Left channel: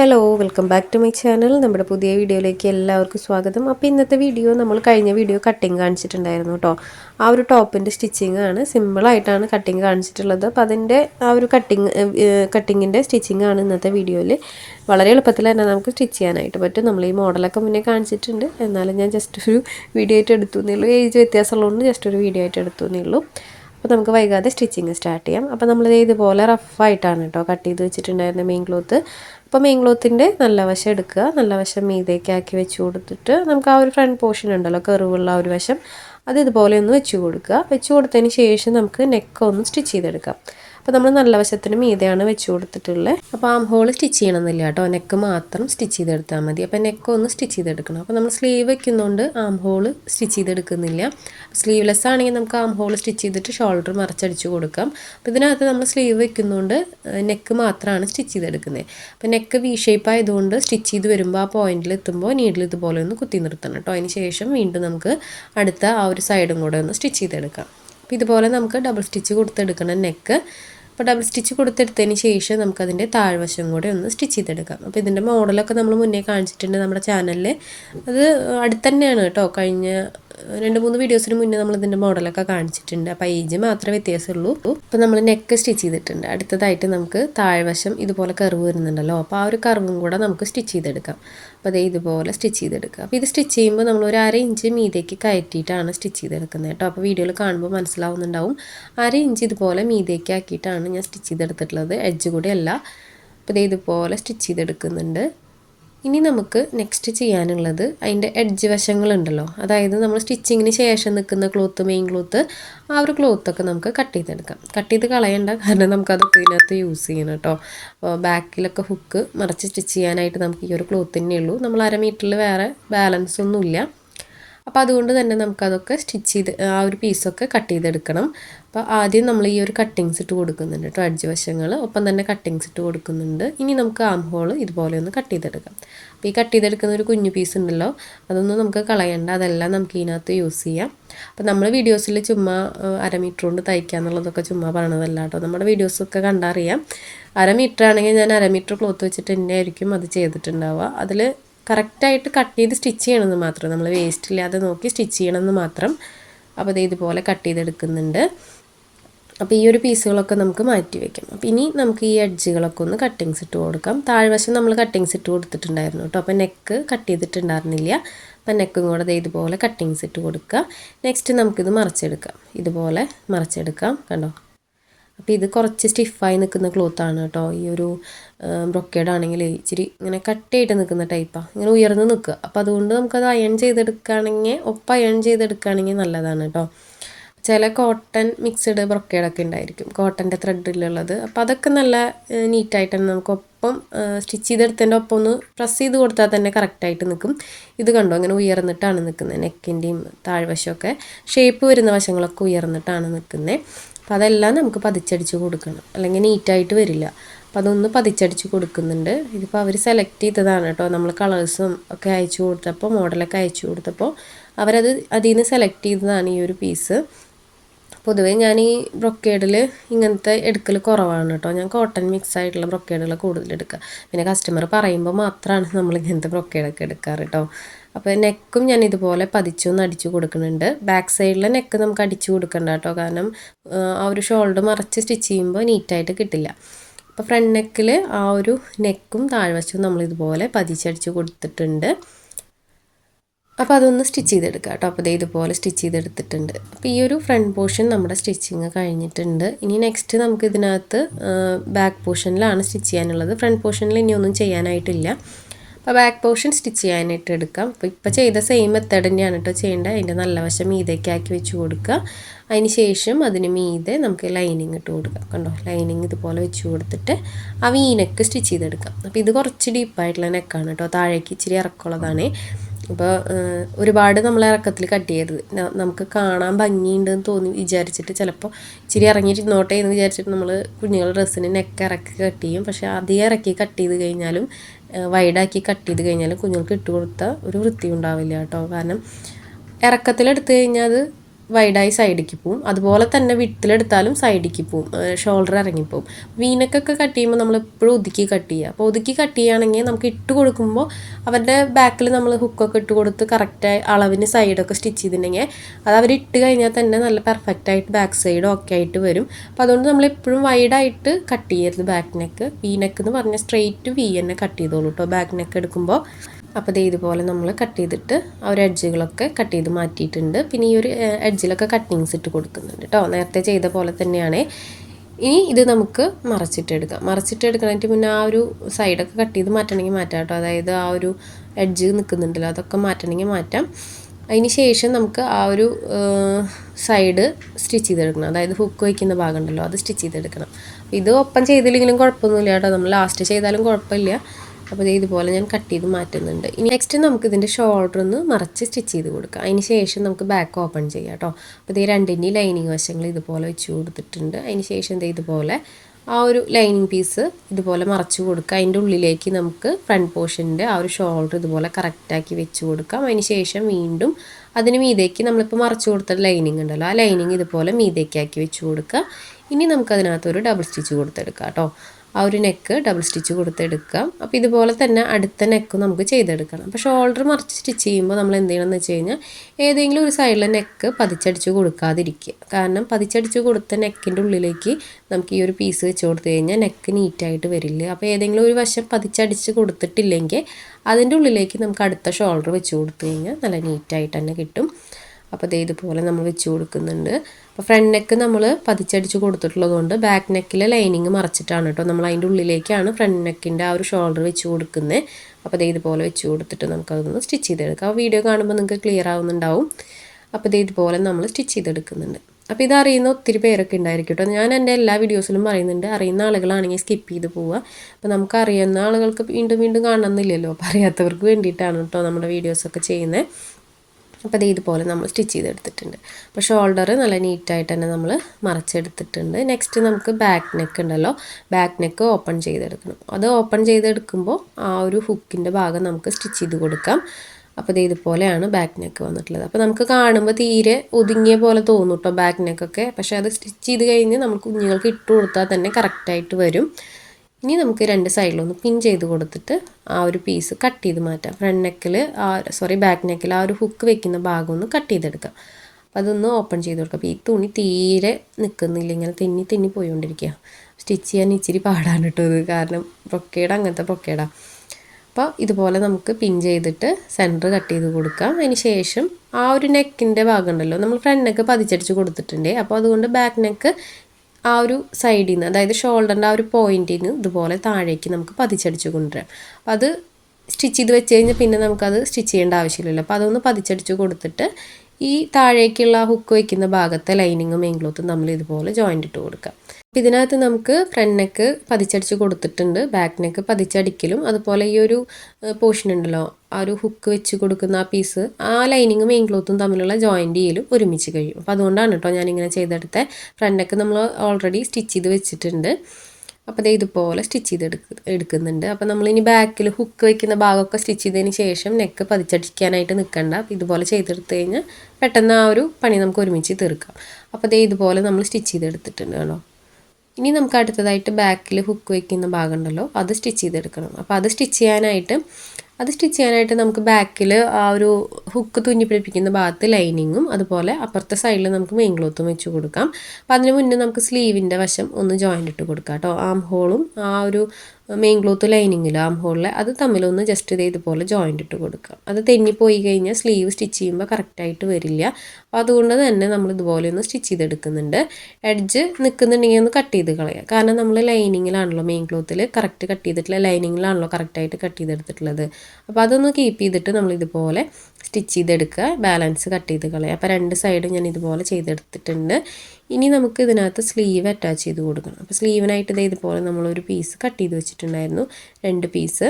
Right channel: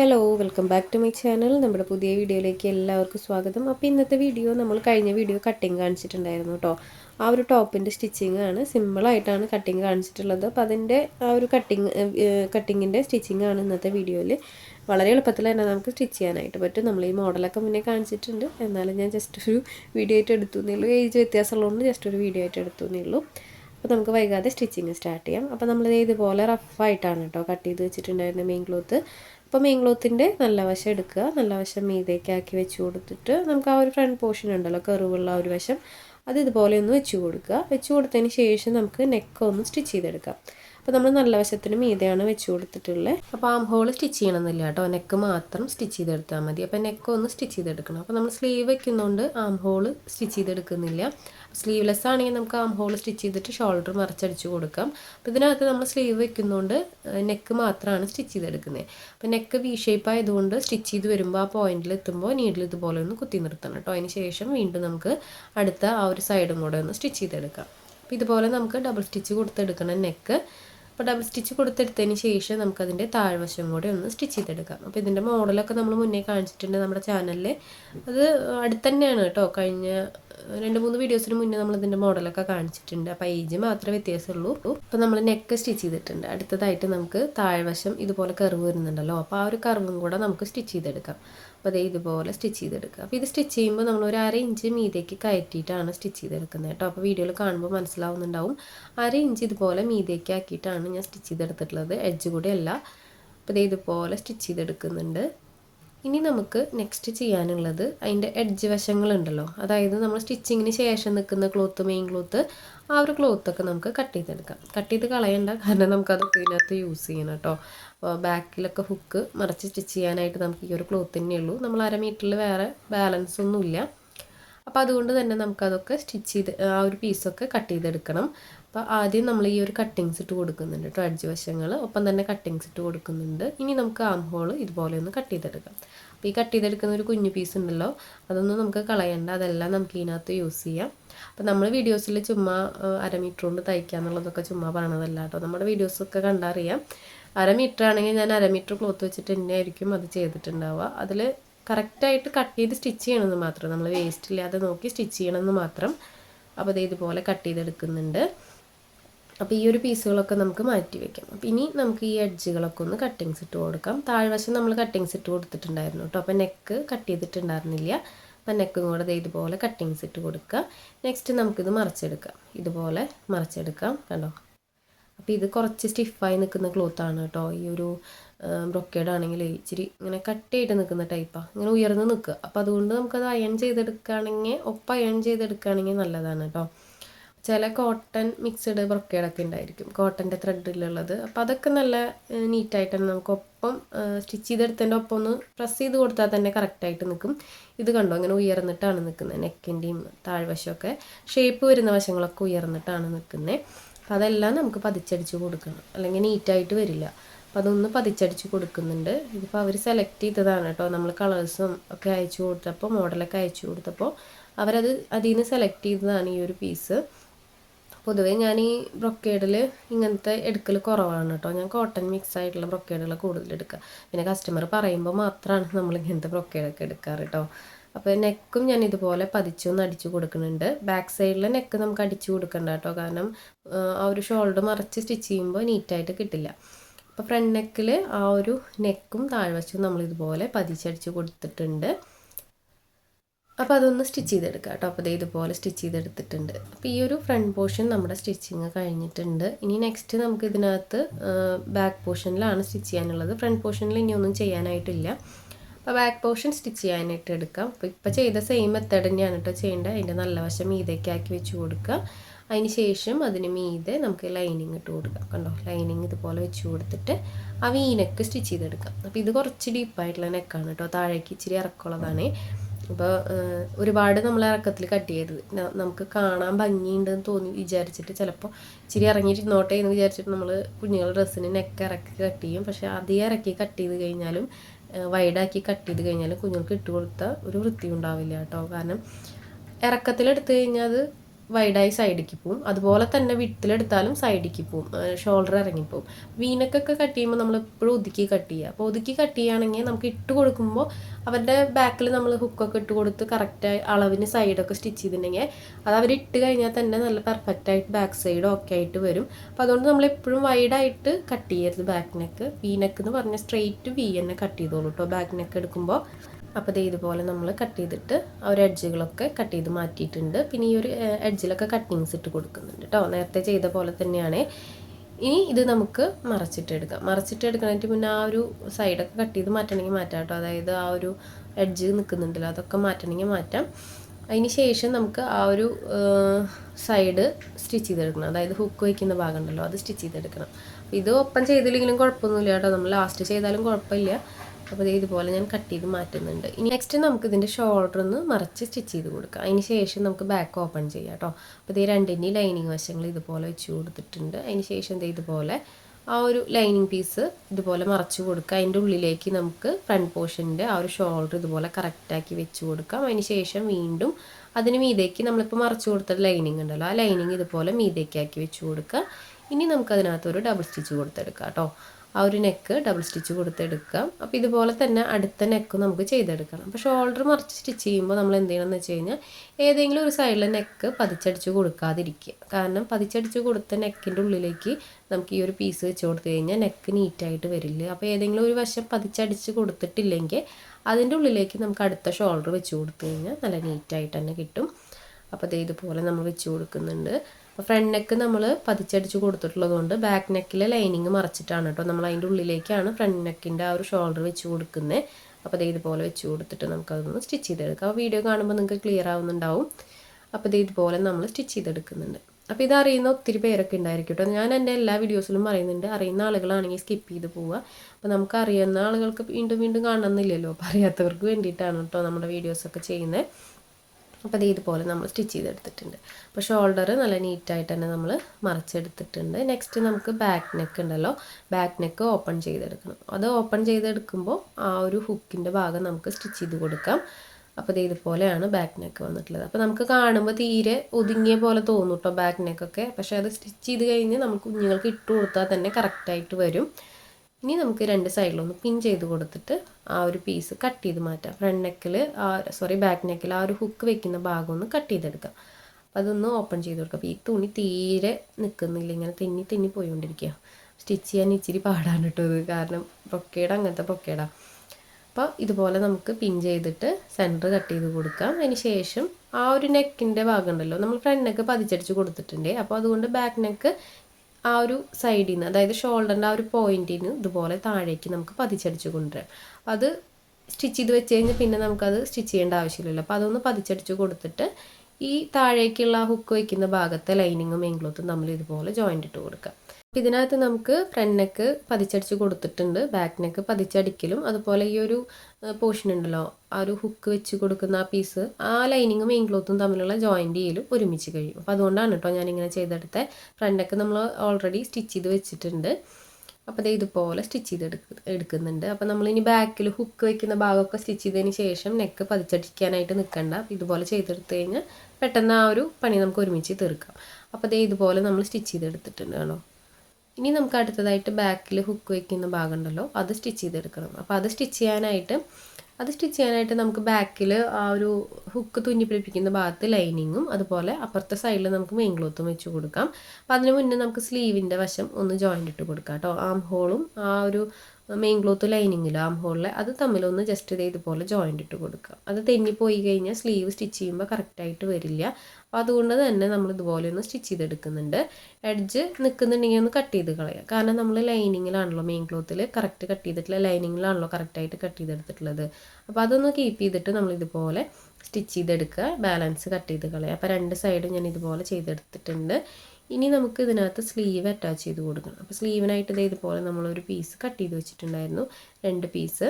Hello welcome back to my channel. നമ്മുടെ പുതിയ വീഡിയോയിലേക്ക് എല്ലാവർക്കും സ്വാഗതം. അപ്പോൾ ഇന്നത്തെ വീഡിയോ നമ്മൾ കഴിഞ്ഞ വീഡിയോ കട്ടിങ് കാണിച്ചിട്ടുണ്ടായിരുന്നു കേട്ടോ. ആ ഒരു ടോപ്പിൻ്റെ സ്റ്റിച്ചിങ് ആണ്. സിമ്പിളായിട്ടാണ് കട്ടിങ് കാണിച്ചിട്ടുള്ളത്. അപ്പോൾ അതിൻ്റെ ആ ഒരു കട്ടിങ്ങിൻ്റെ സ്റ്റിച്ചിങ് ആണ് ഇന്നത്തെ വീഡിയോയിൽ. വളരെ എളുപ്പത്തിൽ തന്നെ നമുക്ക് സ്റ്റിച്ച് ചെയ്യാനായിട്ട് പറ്റും. നമ്മൾ ഈ മോഡലൊക്കെ മുന്നേ കാണിച്ചിട്ടുണ്ട്, എന്നാലും ഞാൻ ജസ്റ്റ് ഒരു വീഡിയോ ആയിട്ട് എടുത്തു എന്നേ ഉള്ളൂ. ഏജ് വ്യത്യാസമുള്ളതുകൊണ്ട് ജസ്റ്റ് ഒരു വീഡിയോ ആയിട്ട് എടുത്തു എന്നേ ഉള്ളൂ. അപ്പോൾ നമുക്ക് വൈകാതെ സ്റ്റിച്ചിങ് സ്റ്റാർട്ട് ചെയ്യാം. അപ്പോൾ നമ്മൾ ഇതുപോലെ റഫായിട്ടാണ് കേട്ടോ കട്ട് ചെയ്ത് വെച്ചിട്ടുണ്ടായിരുന്ന മെയിൻ ക്ലോത്ത്. അപ്പോൾ മെയിൻ ക്ലോത്തിൻ്റെ നല്ല വശം എടുക്കുക, നല്ല വശം മീതേക്കാക്കി വെച്ച് കൊടുത്തിട്ട് നമുക്ക് ആ ഒരു ഫ്രണ്ട് പോർഷൻ ഉണ്ടല്ലോ, കർവുള്ള ആ ഒരു വശം, അത് ഇതുപോലെ ഒന്ന് വെച്ച് കൊടുക്കുക. വെച്ച് കൊടുത്തതിന് ശേഷം നമുക്ക് നെക്ക് ഒന്ന് സ്റ്റിച്ച് ചെയ്തെടുക്കാം. അപ്പോൾ നമ്മൾ നല്ല വശത്തിന് മീതെയാണ് വെച്ച് കൊടുത്തിട്ടുള്ളത്. അപ്പോൾ ആം ഹോൾ സ്റ്റിച്ച് ചെയ്യണമെന്നില്ല കേട്ടോ, നെക്ക് മാത്രം സ്റ്റിച്ച് ചെയ്തെടുത്താൽ മതി. അപ്പോൾ നെക്ക് ഒന്ന് സ്റ്റിച്ച് ചെയ്തെടുക്കണം. അപ്പോൾ നമ്മൾ സ്ലീവ് വെക്കുന്നതുകൊണ്ട് ആം ഹോൾ സ്റ്റിച്ച് ചെയ്തെടുക്കുന്നില്ല. സ്ലീവ്ലെസ് ആണെങ്കിൽ നമുക്ക് ആം ഹോൾ സ്റ്റിച്ച് ചെയ്തിട്ട് ഷോൾഡർ മറച്ചടിച്ച് കൊടുക്കാം. അപ്പോൾ ഇതിനകത്ത് നമ്മൾ സ്ലീവ് വെക്കുന്നതുകൊണ്ട് നെക്ക് മാത്രമാണ് സ്റ്റിച്ച് ചെയ്തെടുക്കുന്നത്. അപ്പോൾ നെക്ക് വി ഷേപ്പ് ആയതുകൊണ്ട് സ്റ്റിച്ച് ചെയ്ത് വരുമ്പോൾ ആ പോയിന്റിൽ എത്തുമ്പോൾ നീഡിൽ ഇതുപോലെ ഒന്ന് കുത്തി നിർത്തണം കേട്ടോ. അതിന് ശേഷം വീണ്ടും നമുക്ക് അടുത്ത ആ ഒരു സൈഡും കൂടെ ഒന്ന് സ്റ്റിച്ച് ചെയ്തെടുക്കാം. അപ്പോൾ ഇതുപോലെ നമുക്ക് ഡബിൾ സ്റ്റിച്ച് കൊടുത്തെടുക്കണം നെക്ക്. അപ്പോൾ ഡബിൾ സ്റ്റിച്ച് കൊടുത്തെടുത്തതിന് ശേഷം നമുക്കതിൻ്റെ താഴ്വശം കൂടെ ഒന്ന് സ്റ്റിച്ച് ചെയ്തെടുക്കാം. അപ്പോൾ ഇതിൻ്റെ മോഡലൊക്കെ നമ്മൾ മുന്നേ കാണിച്ചിട്ടുണ്ട് നമ്മുടെ ചാനലിൽ. അത് അടുത്ത് തന്നെയാണ് കേട്ടോ. കഴിഞ്ഞ 2-3 വീഡിയോസിന് മുന്നേ നമ്മൾ ഇതിൻ്റെ മോഡലൊക്കെ കാണിച്ചിട്ടുണ്ട്. അപ്പോൾ ഏജ് മാത്രമേ വ്യത്യാസമുള്ളൂ. അപ്പോൾ നമ്മൾ നെക്ക് സ്റ്റിച്ച് ചെയ്തിട്ടുണ്ട്. അടുത്തതായിട്ട് നമുക്ക് താഴ്വശം ഇതുപോലെ കർവ് വരുന്നുണ്ടല്ലോ, അപ്പോൾ ആ ഒരു കർവും കൂടെ നമുക്ക് സ്റ്റിച്ച് ചെയ്തെടുക്കാം. അപ്പോൾ അതേ ഇതുപോലെ സ്റ്റിച്ച് ചെയ്തെടുക്കുക. അപ്പോൾ ഇത് സ്റ്റിച്ച് ചെയ്യുമ്പോൾ നമ്മൾ ഒരു 1/2 ഇഞ്ച് മീതേക്ക് കയറ്റിയിട്ടാണ് സ്റ്റിച്ച് ചെയ്തെടുക്കുന്നത് കേട്ടോ. അപ്പോൾ വീഡിയോയിൽ കാണുമ്പോൾ മനസ്സിലാവുന്നുണ്ടാവും. 1/2 ഇഞ്ച് ഇതുപോലെ മീതേക്ക് ആക്കിയിട്ടാണ് ഞാൻ സ്റ്റിച്ച് ചെയ്തെടുത്തിട്ടുള്ളത്, എഡ്ജ് കൂടെ അല്ല. അപ്പോൾ ഇതുപോലെ സ്റ്റിച്ച് ചെയ്തെടുക്കുന്നുണ്ട്. ഇനി നമുക്ക് നെക്സ്റ്റ് ചെയ്യാനുള്ളത് അതിൻ്റെ എഡ്ജ് വശങ്ങളുണ്ടല്ലോ, അതായത് നമ്മൾ സ്റ്റിച്ചിങ്ങിന് ശേഷം നിൽക്കുന്ന ക്ലോത്ത്, മെയിൻ ക്ലോത്ത്, ആ ഒരു ക്ലോത്തൊക്കെ നമുക്ക് കട്ട് ചെയ്തെടുക്കാം. കട്ട് ചെയ്ത് കളയണ്ട, കാരണം നമുക്കതൊക്കെ ഇതിനകത്ത് യൂസ് ചെയ്യണം കേട്ടോ. ബാക്കിലൊക്കെ ഹുക്ക് മറച്ച് സ്റ്റിച്ച് ചെയ്യാനായിട്ട് നമുക്ക് ഈ ഒരു ക്ലോത്ത് തന്നെയുള്ളൂ. നമ്മൾ 1/2 മീറ്ററിൽ വേറെ ബാലൻസ് ഒന്നുമില്ല. അപ്പോൾ അതുകൊണ്ട് തന്നെ നമുക്കതൊക്കെ സ്റ്റിച്ച് ചെയ്ത് ആ ഒരു പീസൊക്കെ കട്ട് ചെയ്തെടുക്കണം. അപ്പോൾ ആദ്യം നമ്മൾ ഈ ഒരു കട്ടിങ്സ് ഇട്ട് കൊടുക്കുന്നുണ്ട് കേട്ടോ, എഡ്ജ് വശങ്ങൾ, ഒപ്പം തന്നെ കട്ടിങ്സ് ഇട്ട് കൊടുക്കുന്നുണ്ട്. ഇനി നമുക്ക് ആം ഹോൾ ഇതുപോലെ ഒന്ന് കട്ട് ചെയ്തെടുക്കാം. അപ്പോൾ ഈ കട്ട് ചെയ്തെടുക്കുന്ന ഒരു കുഞ്ഞു പീസ് ഉണ്ടല്ലോ, അതൊന്നും നമുക്ക് കളയണ്ട, അതെല്ലാം നമുക്ക് ഇതിനകത്ത് യൂസ് ചെയ്യാം. അപ്പോൾ നമ്മൾ വീഡിയോസിൽ ചുമ്മാ 1/2 മീറ്റർ കൊണ്ട് തയ്ക്കുക എന്നുള്ളതൊക്കെ ചുമ്മാ പറയണതല്ല കേട്ടോ. നമ്മുടെ വീഡിയോസൊക്കെ കണ്ടറിയാം. 1/2 മീറ്റർ ആണെങ്കിൽ ഞാൻ 1/2 മീറ്റർ ക്ലോത്ത് വെച്ചിട്ട് തന്നെയായിരിക്കും അത് ചെയ്തിട്ടുണ്ടാവുക. അതിൽ കറക്റ്റായിട്ട് കട്ട് ചെയ്ത് സ്റ്റിച്ച് ചെയ്യണമെന്ന് മാത്രം, നമ്മൾ വേസ്റ്റ് ഇല്ലാതെ നോക്കി സ്റ്റിച്ച് ചെയ്യണമെന്ന് മാത്രം. അപ്പോൾ ഇത് ഇതുപോലെ കട്ട് ചെയ്തെടുക്കുന്നുണ്ട്. അപ്പോൾ ഈ ഒരു പീസുകളൊക്കെ നമുക്ക് മാറ്റി വയ്ക്കാം. അപ്പോൾ ഇനി നമുക്ക് ഈ എഡ്ജുകളൊക്കെ ഒന്ന് കട്ടിങ്സ് ഇട്ട് കൊടുക്കാം. താഴ്വശം നമ്മൾ കട്ടിങ്സ് ഇട്ട് കൊടുത്തിട്ടുണ്ടായിരുന്നു കേട്ടോ. അപ്പോൾ നെക്ക് കട്ട് ചെയ്തിട്ടുണ്ടായിരുന്നില്ല. അപ്പോൾ നെക്കും കൂടെ ഇതുപോലെ കട്ടിങ്സ് ഇട്ട് കൊടുക്കുക. നെക്സ്റ്റ് നമുക്കിത് മറിച്ചെടുക്കാം. ഇതുപോലെ മറിച്ചെടുക്കാം, കണ്ടോ. അപ്പോൾ ഇത് കുറച്ച് സ്റ്റിഫായി നിൽക്കുന്ന ക്ലോത്താണ് കേട്ടോ. ഈ ഒരു ബ്രൊക്കേഡ് ആണെങ്കിൽ ഇച്ചിരി ഇങ്ങനെ കട്ടായിട്ട് നിൽക്കുന്ന ടൈപ്പാണ്, ഇങ്ങനെ ഉയർന്ന് നിൽക്കുക. അപ്പോൾ അതുകൊണ്ട് നമുക്കത് അയൺ ചെയ്തെടുക്കുകയാണെങ്കിൽ, ഒപ്പം അയൺ ചെയ്തെടുക്കുകയാണെങ്കിൽ നല്ലതാണ് കേട്ടോ. ചില കോട്ടൺ മിക്സ്ഡ് ബ്രൊക്കേഡൊക്കെ ഉണ്ടായിരിക്കും, കോട്ടൻ്റെ ത്രെഡിലുള്ളത്. അപ്പോൾ അതൊക്കെ നല്ല നീറ്റായിട്ട് തന്നെ നമുക്ക് ഒപ്പം സ്റ്റിച്ച് ചെയ്തെടുത്തതിൻ്റെ ഒപ്പം ഒന്ന് പ്രസ് ചെയ്ത് കൊടുത്താൽ തന്നെ കറക്റ്റായിട്ട് നിൽക്കും. ഇത് കണ്ടോ, അങ്ങനെ ഉയർന്നിട്ടാണ് നിൽക്കുന്നത്. നെക്കിൻ്റെയും താഴ്വശമൊക്കെ ഷേപ്പ് വരുന്ന വശങ്ങളൊക്കെ ഉയർന്നിട്ടാണ് നിൽക്കുന്നത്. അപ്പോൾ അതെല്ലാം നമുക്ക് പതിച്ചടിച്ച് കൊടുക്കണം, അല്ലെങ്കിൽ നീറ്റായിട്ട് വരില്ല. അപ്പോൾ അതൊന്ന് പതിച്ചടിച്ച് കൊടുക്കുന്നുണ്ട്. ഇതിപ്പോൾ അവർ സെലക്ട് ചെയ്തതാണ് കേട്ടോ. നമ്മൾ കളേഴ്സും ഒക്കെ അയച്ചു കൊടുത്തപ്പോൾ, മോഡലൊക്കെ അയച്ചു കൊടുത്തപ്പോൾ അവരത് അതിൽ നിന്ന് സെലക്ട് ചെയ്തതാണ് ഈ ഒരു പീസ്. പൊതുവേ ഞാൻ ഈ ബ്രൊക്കേഡിൽ ഇങ്ങനത്തെ എടുക്കൽ കുറവാണ് കേട്ടോ. ഞാൻ കോട്ടൺ മിക്സ് ആയിട്ടുള്ള ബ്രൊക്കേഡുകൾ കൂടുതൽ എടുക്കുക. പിന്നെ കസ്റ്റമർ പറയുമ്പോൾ മാത്രമാണ് നമ്മൾ ഇങ്ങനത്തെ ബ്രൊക്കേഡൊക്കെ എടുക്കാറ് കേട്ടോ. അപ്പോൾ നെക്കും ഞാൻ ഇതുപോലെ പതിച്ചൊന്ന് അടിച്ചു കൊടുക്കുന്നുണ്ട്. ബാക്ക് സൈഡിലെ നെക്ക് നമുക്ക് അടിച്ചു കൊടുക്കണ്ട കേട്ടോ, കാരണം ആ ഒരു ഷോൾഡർ മറച്ച് സ്റ്റിച്ച് ചെയ്യുമ്പോൾ നീറ്റായിട്ട് കിട്ടില്ല. അപ്പോൾ ഫ്രണ്ട് നെക്കിൽ ആ ഒരു നെക്കും താഴ്വശവും നമ്മളിതുപോലെ പതിച്ചടിച്ച് കൊടുത്തിട്ടുണ്ട്. അപ്പോൾ അതൊന്ന് സ്റ്റിച്ച് ചെയ്തെടുക്കുക കേട്ടോ. അപ്പോൾ ഇതുപോലെ സ്റ്റിച്ച് ചെയ്തെടുത്തിട്ടുണ്ട്. അപ്പോൾ ഈ ഒരു ഫ്രണ്ട് പോർഷൻ നമ്മുടെ സ്റ്റിച്ചിങ് കഴിഞ്ഞിട്ടുണ്ട്. ഇനി നെക്സ്റ്റ് നമുക്ക് ഇതിനകത്ത് ബാക്ക് പോർഷനിലാണ് സ്റ്റിച്ച് ചെയ്യാനുള്ളത്. ഫ്രണ്ട് പോർഷനിൽ ഇനി ഒന്നും ചെയ്യാനായിട്ടില്ല. അപ്പോൾ ബാക്ക് പോർഷൻ സ്റ്റിച്ച് ചെയ്യാനായിട്ട് എടുക്കാം. അപ്പോൾ ഇപ്പോൾ ചെയ്ത സെയിം മെത്തേഡ് തന്നെയാണ് കേട്ടോ ചെയ്യേണ്ടത്. അതിൻ്റെ നല്ല വശം മീതേക്കാക്കി വെച്ച് കൊടുക്കുക. അതിന് ശേഷം അതിന് മീതെ നമുക്ക് ലൈനിങ് ഇട്ട് കൊടുക്കാം. കണ്ടോ, ലൈനിങ് ഇതുപോലെ വെച്ച് കൊടുത്തിട്ട് ആ വീനക്ക് സ്റ്റിച്ച് ചെയ്തെടുക്കാം. അപ്പോൾ ഇത് കുറച്ച് ഡീപ്പായിട്ടുള്ള നെക്കാണ് കേട്ടോ, താഴേക്ക് ഇച്ചിരി ഇറക്കമുള്ളതാണ്. അപ്പോൾ ഒരുപാട് നമ്മൾ ഇറക്കത്തിൽ കട്ട് ചെയ്യരുത്. നമുക്ക് കാണാൻ ഭംഗിയുണ്ടെന്ന് തോന്നി വിചാരിച്ചിട്ട് ചിലപ്പോൾ ഇച്ചിരി ഇറങ്ങിയിരുന്നോട്ടെ എന്ന് വിചാരിച്ചിട്ട് നമ്മൾ കുഞ്ഞുങ്ങളുടെ ഡ്രസ്സിന് നെക്ക് ഇറക്കി കട്ട് ചെയ്യും. പക്ഷേ അധികം ഇറക്കി കട്ട് ചെയ്ത് കഴിഞ്ഞാലും വൈഡാക്കി കട്ട് ചെയ്ത് കഴിഞ്ഞാലും കുഞ്ഞുങ്ങൾക്ക് ഇട്ട് കൊടുത്താൽ ഒരു വൃത്തി ഉണ്ടാവില്ല കേട്ടോ. കാരണം ഇറക്കത്തിലെടുത്ത് കഴിഞ്ഞാൽ അത് വൈഡായി സൈഡിലേക്ക് പോവും. അതുപോലെ തന്നെ വിട്ടിലെടുത്താലും സൈഡിലേക്ക് പോവും, ഷോൾഡർ ഇറങ്ങിപ്പോവും. വീനക്കൊക്കെ കട്ട് ചെയ്യുമ്പോൾ നമ്മൾ എപ്പോഴും ഒതുക്കി കട്ട് ചെയ്യുക. അപ്പോൾ ഒതുക്കി കട്ട് ചെയ്യുകയാണെങ്കിൽ നമുക്ക് ഇട്ട് കൊടുക്കുമ്പോൾ അവരുടെ ബാക്കിൽ നമ്മൾ ഹുക്കൊക്കെ ഇട്ട് കൊടുത്ത് കറക്റ്റായി അളവിന് സൈഡൊക്കെ സ്റ്റിച്ച് ചെയ്തിട്ടുണ്ടെങ്കിൽ അത് അവർ ഇട്ട് കഴിഞ്ഞാൽ തന്നെ നല്ല പെർഫെക്റ്റായിട്ട് ബാക്ക് സൈഡ് ഒക്കെ ആയിട്ട് വരും. അപ്പോൾ അതുകൊണ്ട് നമ്മൾ എപ്പോഴും വൈഡായിട്ട് കട്ട് ചെയ്യരുത് ബാക്ക് നെക്ക്. വി നെക്ക് എന്ന് പറഞ്ഞാൽ സ്ട്രെയിറ്റ് വി തന്നെ കട്ട് ചെയ്തോളൂ കേട്ടോ ബാക്ക് നെക്ക് എടുക്കുമ്പോൾ. അപ്പോൾ ഇത് ഇതുപോലെ നമ്മൾ കട്ട് ചെയ്തിട്ട് ആ ഒരു എഡ്ജുകളൊക്കെ കട്ട് ചെയ്ത് മാറ്റിയിട്ടുണ്ട്. പിന്നെ ഈ ഒരു എഡ്ജിലൊക്കെ കട്ടിങ്സ് ഇട്ട് കൊടുക്കുന്നുണ്ട് കേട്ടോ, നേരത്തെ ചെയ്ത പോലെ തന്നെയാണ്. ഇനി ഇത് നമുക്ക് മറച്ചിട്ടെടുക്കാനായിട്ട് മുന്നേ ആ ഒരു സൈഡൊക്കെ കട്ട് ചെയ്ത് മാറ്റണമെങ്കിൽ മാറ്റാം കേട്ടോ. അതായത് ആ ഒരു എഡ്ജ് നിൽക്കുന്നുണ്ടല്ലോ അതൊക്കെ മാറ്റണമെങ്കിൽ മാറ്റാം. അതിന് ശേഷം നമുക്ക് ആ ഒരു സൈഡ് സ്റ്റിച്ച് ചെയ്തെടുക്കണം. അതായത് ഹുക്ക് വയ്ക്കുന്ന ഭാഗം ഉണ്ടല്ലോ അത് സ്റ്റിച്ച് ചെയ്തെടുക്കണം. ഇത് ഒപ്പം ചെയ്തില്ലെങ്കിലും കുഴപ്പമൊന്നുമില്ല കേട്ടോ, നമ്മൾ ലാസ്റ്റ് ചെയ്താലും കുഴപ്പമില്ല. അപ്പോൾ ഇതുപോലെ ഞാൻ കട്ട് ചെയ്ത് മാറ്റുന്നുണ്ട്. ഇനി നെക്സ്റ്റ് നമുക്ക് ഇതിൻ്റെ ഷോൾഡർ ഒന്ന് മറിച്ച് സ്റ്റിച്ച് ചെയ്ത് കൊടുക്കാം. അതിന് ശേഷം നമുക്ക് ബാക്ക് ഓപ്പൺ ചെയ്യാം കേട്ടോ. അപ്പോൾ രണ്ടിൻ്റെയും ലൈനിങ് വശങ്ങൾ ഇതുപോലെ വെച്ച് കൊടുത്തിട്ടുണ്ട്. അതിന് ശേഷം ഇതുപോലെ ആ ഒരു ലൈനിങ് പീസ് ഇതുപോലെ മറച്ച് കൊടുക്കുക. അതിൻ്റെ ഉള്ളിലേക്ക് നമുക്ക് ഫ്രണ്ട് പോർഷൻ്റെ ആ ഒരു ഷോൾഡർ ഇതുപോലെ കറക്റ്റാക്കി വെച്ച് കൊടുക്കാം. അതിന് ശേഷം വീണ്ടും അതിന് മീതേക്ക് നമ്മളിപ്പോൾ മറച്ച് കൊടുത്ത ലൈനിങ് ഉണ്ടല്ലോ ആ ലൈനിങ് ഇതുപോലെ മീതേക്കാക്കി വെച്ച് കൊടുക്കുക. ഇനി നമുക്കതിനകത്തൊരു ഡബിൾ സ്റ്റിച്ച് കൊടുത്തെടുക്കാം കേട്ടോ. ആ ഒരു നെക്ക് ഡബിൾ സ്റ്റിച്ച് കൊടുത്തെടുക്കാം. അപ്പോൾ ഇതുപോലെ തന്നെ അടുത്ത നെക്കും നമുക്ക് ചെയ്തെടുക്കണം. അപ്പോൾ ഷോൾഡർ മറിച്ച് സ്റ്റിച്ച് ചെയ്യുമ്പോൾ നമ്മൾ എന്ത് ചെയ്യണമെന്ന് വെച്ച് കഴിഞ്ഞാൽ ഏതെങ്കിലും ഒരു സൈഡിലെ നെക്ക് പതിച്ചടിച്ച് കൊടുക്കാതിരിക്കുക. കാരണം പതിച്ചടിച്ച് കൊടുത്ത നെക്കിൻ്റെ ഉള്ളിലേക്ക് നമുക്ക് ഈ ഒരു പീസ് വെച്ച് കൊടുത്തു കഴിഞ്ഞാൽ നെക്ക് നീറ്റായിട്ട് വരില്ല. അപ്പോൾ ഏതെങ്കിലും ഒരു വശം പതിച്ചടിച്ച് കൊടുത്തിട്ടില്ലെങ്കിൽ അതിൻ്റെ ഉള്ളിലേക്ക് നമുക്ക് അടുത്ത ഷോൾഡർ വെച്ച് കൊടുത്തു കഴിഞ്ഞാൽ നല്ല നീറ്റായിട്ട് തന്നെ കിട്ടും. അപ്പോൾ ഇതുപോലെ നമ്മൾ വെച്ച് കൊടുക്കുന്നുണ്ട്. അപ്പോൾ ഫ്രണ്ട് നെക്ക് നമ്മൾ പതിച്ചടിച്ച് കൊടുത്തിട്ടുള്ളത് കൊണ്ട് ബാക്ക് നെക്കിലെ ലൈനിങ് മറച്ചിട്ടാണ് കേട്ടോ നമ്മൾ അതിൻ്റെ ഉള്ളിലേക്കാണ് ഫ്രണ്ട് നെക്കിൻ്റെ ആ ഒരു ഷോൾഡർ വെച്ച് കൊടുക്കുന്നത്. അപ്പോൾ ഇതുപോലെ വെച്ച് കൊടുത്തിട്ട് നമുക്കതൊന്ന് സ്റ്റിച്ച് ചെയ്തെടുക്കാം. അപ്പോൾ വീഡിയോ കാണുമ്പോൾ നിങ്ങൾക്ക് ക്ലിയർ ആവുന്നുണ്ടാവും. അപ്പോൾ ഇതുപോലെ നമ്മൾ സ്റ്റിച്ച് ചെയ്തെടുക്കുന്നുണ്ട്. അപ്പോൾ ഇതറിയുന്ന ഒത്തിരി പേരൊക്കെ ഉണ്ടായിരിക്കും കേട്ടോ. ഞാൻ എൻ്റെ എല്ലാ വീഡിയോസിലും പറയുന്നുണ്ട്, അറിയുന്ന ആളുകളാണെങ്കിൽ സ്കിപ്പ് ചെയ്ത് പോവുക. അപ്പോൾ നമുക്ക് അറിയുന്ന ആളുകൾക്ക് വീണ്ടും വീണ്ടും കാണണമെന്നില്ലല്ലോ. അപ്പോൾ അറിയാത്തവർക്ക് വേണ്ടിയിട്ടാണ് കേട്ടോ നമ്മുടെ വീഡിയോസൊക്കെ ചെയ്യുന്നത്. അപ്പോൾ ഇതുപോലെ നമ്മൾ സ്റ്റിച്ച് ചെയ്തെടുത്തിട്ടുണ്ട്. അപ്പോൾ ഷോൾഡർ നല്ല നീറ്റായിട്ട് തന്നെ നമ്മൾ മറച്ചെടുത്തിട്ടുണ്ട്. നെക്സ്റ്റ് നമുക്ക് ബാക്ക് നെക്ക് ഉണ്ടല്ലോ, ബാക്ക് നെക്ക് ഓപ്പൺ ചെയ്തെടുക്കണം. അത് ഓപ്പൺ ചെയ്തെടുക്കുമ്പോൾ ആ ഒരു ഹുക്കിൻ്റെ ഭാഗം നമുക്ക് സ്റ്റിച്ച് ചെയ്ത് കൊടുക്കാം. അപ്പോൾ ഇതുപോലെയാണ് ബാക്ക് നെക്ക് വന്നിട്ടുള്ളത്. അപ്പോൾ നമുക്ക് കാണുമ്പോൾ തീരെ ഒതുങ്ങിയ പോലെ തോന്നും കേട്ടോ ബാക്ക് നെക്കൊക്കെ. പക്ഷേ അത് സ്റ്റിച്ച് ചെയ്ത് കഴിഞ്ഞ് നമ്മൾ കുഞ്ഞുങ്ങൾക്ക് ഇട്ട് കൊടുത്താൽ തന്നെ കറക്റ്റായിട്ട് വരും. ഇനി നമുക്ക് രണ്ട് സൈഡിലൊന്ന് പിൻ ചെയ്ത് കൊടുത്തിട്ട് ആ ഒരു പീസ് കട്ട് ചെയ്ത് മാറ്റാം. ഫ്രണ്ട് നെക്കിൽ ബാക്ക് നെക്കിൽ ആ ഒരു ഹുക്ക് വെക്കുന്ന ഭാഗം ഒന്ന് കട്ട് ചെയ്തെടുക്കാം. അപ്പോൾ അതൊന്ന് ഓപ്പൺ ചെയ്ത് കൊടുക്കാം. അപ്പോൾ ഈ തുണി തീരെ നിൽക്കുന്നില്ല, ഇങ്ങനെ തെന്നി പോയിക്കൊണ്ടിരിക്കുക. സ്റ്റിച്ച് ചെയ്യാൻ ഇച്ചിരി പാടാണ് കേട്ടോ ഇത്, കാരണം ബ്രൊക്കേഡ് അങ്ങനത്തെ ബ്രൊക്കേഡാണ്. അപ്പോൾ ഇതുപോലെ നമുക്ക് പിൻ ചെയ്തിട്ട് സെൻറ്റർ കട്ട് ചെയ്ത് കൊടുക്കാം. അതിന് ശേഷം ആ ഒരു നെക്കിൻ്റെ ഭാഗം ഉണ്ടല്ലോ നമ്മൾ ഫ്രണ്ട് നെക്ക് പതിച്ചടിച്ച് കൊടുത്തിട്ടുണ്ട്. അപ്പോൾ അതുകൊണ്ട് ബാക്ക് നെക്ക് ആ ഒരു സൈഡിൽ നിന്ന്, അതായത് ഷോൾഡറിൻ്റെ ആ ഒരു പോയിൻറ്റിൽ നിന്ന് ഇതുപോലെ താഴേക്ക് നമുക്ക് പതിച്ചടിച്ച് കൊണ്ടുവരാം. അപ്പോൾ അത് സ്റ്റിച്ച് ചെയ്ത് വെച്ച് കഴിഞ്ഞാൽ പിന്നെ നമുക്കത് സ്റ്റിച്ച് ചെയ്യേണ്ട ആവശ്യമില്ലല്ലോ. അപ്പോൾ അതൊന്ന് പതിച്ചടിച്ച് കൊടുത്തിട്ട് ഈ താഴേക്കുള്ള ഹുക്ക് വയ്ക്കുന്ന ഭാഗത്തെ ലൈനിങ്ങും മെയിൻ ക്ലോത്തും നമ്മൾ ഇതുപോലെ ജോയിൻ്റ് ഇട്ട് കൊടുക്കാം. അപ്പോൾ ഇതിനകത്ത് നമുക്ക് ഫ്രണ്ട് നെക്ക് പതിച്ചടിച്ച് കൊടുത്തിട്ടുണ്ട്, ബാക്ക് നെക്ക് പതിച്ചടിക്കലും അതുപോലെ ഈ ഒരു പോർഷൻ ഉണ്ടല്ലോ ആ ഒരു ഹുക്ക് വെച്ച് കൊടുക്കുന്ന ആ പീസ് ആ ലൈനിങ്ങും മെയിൻ ക്ലോത്തും തമ്മിലുള്ള ജോയിൻ്റ് ചെയ്യലും ഒരുമിച്ച് കഴിയും. അപ്പോൾ അതുകൊണ്ടാണ് കേട്ടോ ഞാനിങ്ങനെ ചെയ്തെടുത്തത്. ഫ്രണ്ട് നെക്ക് നമ്മൾ ഓൾറെഡി സ്റ്റിച്ച് ചെയ്ത് വെച്ചിട്ടുണ്ട്. അപ്പോൾ ഇതുപോലെ സ്റ്റിച്ച് ചെയ്ത് എടുക്കുന്നുണ്ട്. അപ്പോൾ നമ്മളിനി ബാക്കിൽ ഹുക്ക് വയ്ക്കുന്ന ഭാഗമൊക്കെ സ്റ്റിച്ച് ചെയ്തതിന് ശേഷം നെക്ക് പതിച്ചടിക്കാനായിട്ട് നിൽക്കണ്ട. അപ്പോൾ ഇതുപോലെ ചെയ്തെടുത്ത് കഴിഞ്ഞാൽ പെട്ടെന്ന് ആ ഒരു പണി നമുക്ക് ഒരുമിച്ച് തീർക്കാം. അപ്പോൾ ഇതുപോലെ നമ്മൾ സ്റ്റിച്ച് ചെയ്തെടുത്തിട്ടുണ്ട് കേട്ടോ. ഇനി നമുക്ക് അടുത്തതായിട്ട് ബാക്കിൽ ഹുക്ക് വയ്ക്കുന്ന ഭാഗം ഉണ്ടല്ലോ അത് സ്റ്റിച്ച് ചെയ്തെടുക്കണം. അപ്പോൾ അത് സ്റ്റിച്ച് ചെയ്യാനായിട്ട് നമുക്ക് ബാക്കിൽ ആ ഒരു ഹുക്ക് തുന്നി പിടിപ്പിക്കുന്ന ഭാഗത്ത് ലൈനിങ്ങും അതുപോലെ അപ്പുറത്തെ സൈഡിൽ നമുക്ക് മെയിൻ ക്ലോത്തും വെച്ച് കൊടുക്കാം. അപ്പോൾ അതിന് മുന്നേ നമുക്ക് സ്ലീവിൻ്റെ വശം ഒന്ന് ജോയിൻ്റ് ഇട്ട് കൊടുക്കാം കേട്ടോ. ആം ഹോളും ആ ഒരു മെയിൻ ക്ലോത്ത് ലൈനിങ്ങിലും ആം ഹോളിൽ അത് തമ്മിലൊന്ന് ജസ്റ്റ് ഇതുപോലെ ജോയിൻ്റ് ഇട്ട് കൊടുക്കാം. അത് തെന്നിപ്പോയി കഴിഞ്ഞാൽ സ്ലീവ് സ്റ്റിച്ച് ചെയ്യുമ്പോൾ കറക്റ്റായിട്ട് വരില്ല. അപ്പോൾ അതുകൊണ്ട് തന്നെ നമ്മൾ ഇതുപോലെ ഒന്ന് സ്റ്റിച്ച് ചെയ്തെടുക്കുന്നുണ്ട്. എഡ്ജ് നിൽക്കുന്നുണ്ടെങ്കിൽ ഒന്ന് കട്ട് ചെയ്ത് കളയുക. കാരണം നമ്മൾ ലൈനിങ്ങിലാണല്ലോ മെയിൻ ക്ലോത്തിൽ കറക്റ്റ് കട്ട് ചെയ്തിട്ടില്ല, ലൈനിങ്ങിലാണല്ലോ കറക്റ്റായിട്ട് കട്ട് ചെയ്തെടുത്തിട്ടുള്ളത്. അപ്പോൾ അതൊന്ന് കീപ്പ് ചെയ്തിട്ട് നമ്മളിതുപോലെ സ്റ്റിച്ച് ചെയ്തെടുക്കുക, ബാലൻസ് കട്ട് ചെയ്ത് കളയുക. അപ്പോൾ രണ്ട് സൈഡും ഞാൻ ഇതുപോലെ ചെയ്തെടുത്തിട്ടുണ്ട്. ഇനി നമുക്ക് ഇതിനകത്ത് സ്ലീവ് അറ്റാച്ച് ചെയ്ത് കൊടുക്കണം. അപ്പോൾ സ്ലീവിനായിട്ട് ഇതുപോലെ നമ്മളൊരു പീസ് കട്ട് ചെയ്ത് വെച്ചിട്ടുണ്ടായിരുന്നു, 2 പീസ്.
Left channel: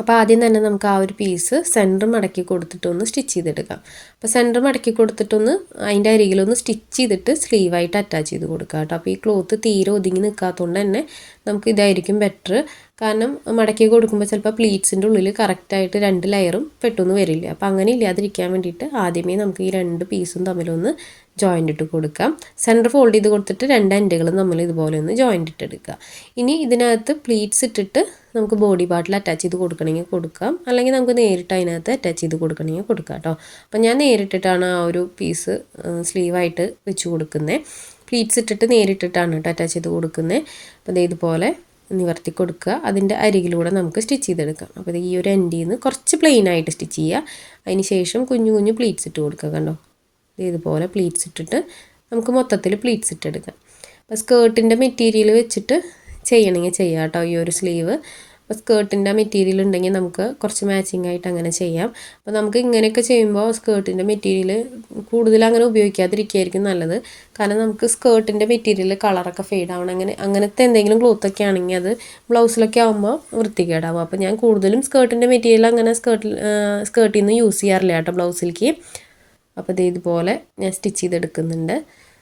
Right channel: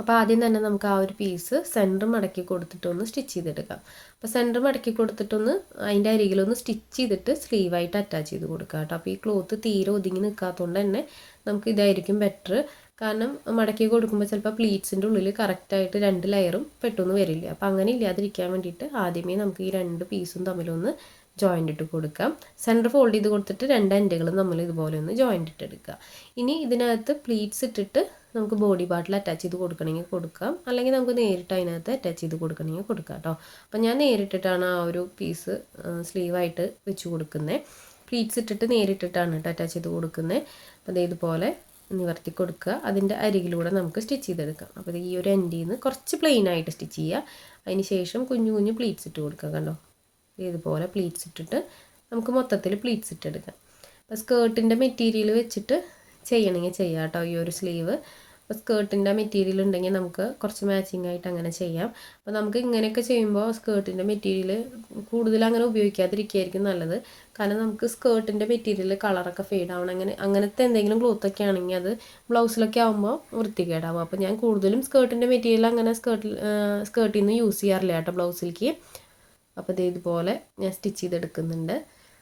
അപ്പോൾ ആദ്യം തന്നെ നമുക്ക് ആ ഒരു പീസ് സെൻറ്റർ മടക്കി കൊടുത്തിട്ടൊന്ന് സ്റ്റിച്ച് ചെയ്തെടുക്കാം. അപ്പോൾ സെൻറ്റർ മടക്കി കൊടുത്തിട്ടൊന്ന് അതിൻ്റെ അരികിലൊന്ന് സ്റ്റിച്ച് ചെയ്തിട്ട് സ്ലീവായിട്ട് അറ്റാച്ച് ചെയ്ത് കൊടുക്കാം കേട്ടോ. അപ്പോൾ ഈ ക്ലോത്ത് തീരെ ഒതുങ്ങി നിൽക്കാത്തതുകൊണ്ട് തന്നെ നമുക്ക് ഇതായിരിക്കും ബെറ്റർ. കാരണം മടക്കി കൊടുക്കുമ്പോൾ ചിലപ്പോൾ പ്ലീറ്റ്സിൻ്റെ ഉള്ളിൽ കറക്റ്റായിട്ട് 2 ലെയറും പെട്ടെന്ന് വരില്ല. അപ്പോൾ അങ്ങനെ ഇല്ലാതിരിക്കാൻ വേണ്ടിയിട്ട് ആദ്യമേ നമുക്ക് ഈ 2 പീസും തമ്മിലൊന്ന് ജോയിൻ്റ് ഇട്ട് കൊടുക്കാം. സെൻറ്റർ ഫോൾഡ് ചെയ്ത് കൊടുത്തിട്ട് 2 എൻഡുകളും തമ്മിൽ ഇതുപോലെ ഒന്ന് ജോയിൻ്റ് ഇട്ടെടുക്കുക. ഇനി ഇതിനകത്ത് പ്ലീറ്റ്സ് ഇട്ടിട്ട് നമുക്ക് ബോഡി പാർട്ടിൽ അറ്റാച്ച് ചെയ്ത് കൊടുക്കണമെങ്കിൽ കൊടുക്കാം, അല്ലെങ്കിൽ നമുക്ക് നേരിട്ട് അതിനകത്ത് അറ്റാച്ച് ചെയ്ത് കൊടുക്കണമെങ്കിൽ കൊടുക്കാം കേട്ടോ. അപ്പോൾ ഞാൻ നേരിട്ടിട്ടാണ് ആ ഒരു പീസ് സ്ലീവായിട്ട് വെച്ച് കൊടുക്കുന്നത്. പ്ലീറ്റ്സ് ഇട്ടിട്ട് നേരിട്ടിട്ടാണ് കേട്ടോ അറ്റാച്ച് ചെയ്ത് കൊടുക്കുന്നത്. അപ്പോൾ ഇതുപോലെ നിവർത്തി കൊടുക്കുക. അതിൻ്റെ അരികിലൂടെ നമുക്ക് സ്റ്റിച്ച് ചെയ്തെടുക്കാം. അപ്പോൾ ഈ ഒരു എൻഡിൽ നിന്ന് കുറച്ച് പ്ലെയിൻ ആയിട്ട് സ്റ്റിച്ച് ചെയ്യുക. അതിന് ശേഷം കുഞ്ഞു കുഞ്ഞു പ്ലീറ്റ്സ് ഇട്ട് കൊടുക്കുക. കണ്ടോ, ഇതുപോലെ പ്ലീറ്റ്സ് ഇട്ടിട്ട് നമുക്ക് മൊത്തത്തിൽ പ്ലീറ്റ്സ് ഇട്ടെടുക്കാം. അപ്പോൾ സ്കേർട്ടിൻ്റെ മെറ്റീരിയൽ വെച്ചിട്ട് ചെയ്യണമെങ്കിൽ ചെയ്യാം കേട്ടോ ഈ ഒരു സ്ലീവ്. അപ്പോൾ സ്കേർട്ടിൻ്റെ മെറ്റീരിയൽ ഉണ്ടെങ്കിൽ നമുക്ക് കുറച്ച് മാച്ചിങ് ആയിട്ട് അങ്ങനെ ചെയ്യാം. അപ്പോൾ നമുക്ക് ഇങ്ങനെയൊക്കെ ചെയ്യുമ്പോൾ സ്കേർട്ടിൻ്റെ മെറ്റീരിയൽ കൂടുതൽ അങ്ങനെ ഉപയോഗിക്കാതിരിക്കുകയായിരിക്കും നല്ലത്. കാരണം നമുക്ക് സ്കേർട്ടിൻ്റെ മെറ്റീരിയൽ കളറൊക്കെ ഫെയ്ഡ് ആവണം, അങ്ങനത്തെ എന്തെങ്കിലും ക്ലോത്തൊക്കെ ആണെങ്കിൽ അത് ബ്ലൗസിലൊക്കെ ആകുമ്പോൾ വൃത്തികേടാവും. അപ്പോൾ ഞാൻ കൂടുതലും സ്കേർട്ടിൻ്റെ മെറ്റീരിയൽ അങ്ങനെ സ്കേർട്ടിൽ നിന്ന് യൂസ് ചെയ്യാറില്ല കേട്ടോ ബ്ലൗസിലേക്ക്. അപ്പോൾ ഇതുപോലെ ഞാൻ സ്റ്റിച്ച് ചെയ്തെടുക്കുന്നുണ്ട്.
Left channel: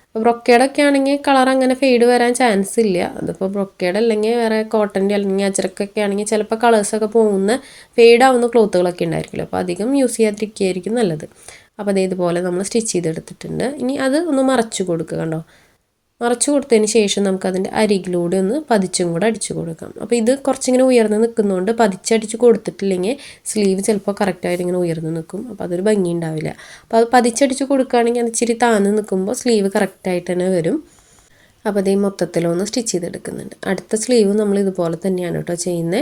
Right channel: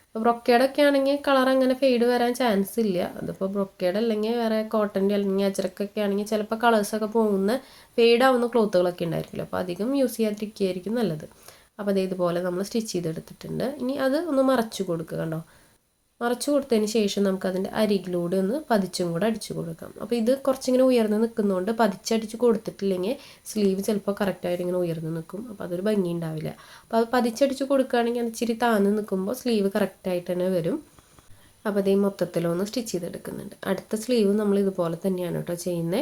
അപ്പോൾ ബ്രൊക്കേഡൊക്കെ ആണെങ്കിൽ കളർ അങ്ങനെ ഫെയ്ഡ് വരാൻ ചാൻസ് ഇല്ല. അതിപ്പോൾ ബ്രൊക്കേഡ് അല്ലെങ്കിൽ വേറെ കോട്ടൻ്റെ അല്ലെങ്കിൽ അജ്രക്കൊക്കെ ആണെങ്കിൽ ചിലപ്പോൾ കളേഴ്സൊക്കെ പോകുന്ന ഫെയ്ഡ് ആവുന്ന ക്ലോത്തുകളൊക്കെ ഉണ്ടായിരിക്കുമല്ലോ. അപ്പോൾ അധികം യൂസ് ചെയ്യാതിരിക്കുകയായിരിക്കും നല്ലത്. അപ്പോൾ ഇതുപോലെ നമ്മൾ സ്റ്റിച്ച് ചെയ്തെടുത്തിട്ടുണ്ട്. ഇനി അത് ഒന്ന് മറച്ചു കൊടുക്കുക. കണ്ടോ, മറച്ചു കൊടുത്തതിന് ശേഷം നമുക്കതിൻ്റെ അരികിലൂടെ ഒന്ന് പതിച്ചും കൂടെ അടിച്ചു കൊടുക്കാം. അപ്പോൾ ഇത് കുറച്ചിങ്ങനെ ഉയർന്ന് നിൽക്കുന്നതുകൊണ്ട് പതിച്ചടിച്ച് കൊടുത്തിട്ടില്ലെങ്കിൽ സ്ലീവ് ചിലപ്പോൾ കറക്റ്റായിട്ട് ഇങ്ങനെ ഉയർന്ന് നിൽക്കും. അപ്പോൾ അതൊരു ഭംഗി ഉണ്ടാവില്ല. അപ്പോൾ അത് പതിച്ചടിച്ച് കൊടുക്കുകയാണെങ്കിൽ അത് ഇച്ചിരി താഴ്ന്ന് നിൽക്കുമ്പോൾ സ്ലീവ് കറക്റ്റായിട്ട് തന്നെ വരും. അപ്പോൾ അതേ മൊത്തത്തിലൊന്ന് സ്റ്റിച്ച് ചെയ്തെടുക്കുന്നുണ്ട്. അടുത്ത സ്ലീവ് നമ്മൾ ഇതുപോലെ തന്നെയാണ് കേട്ടോ ചെയ്യുന്നത്.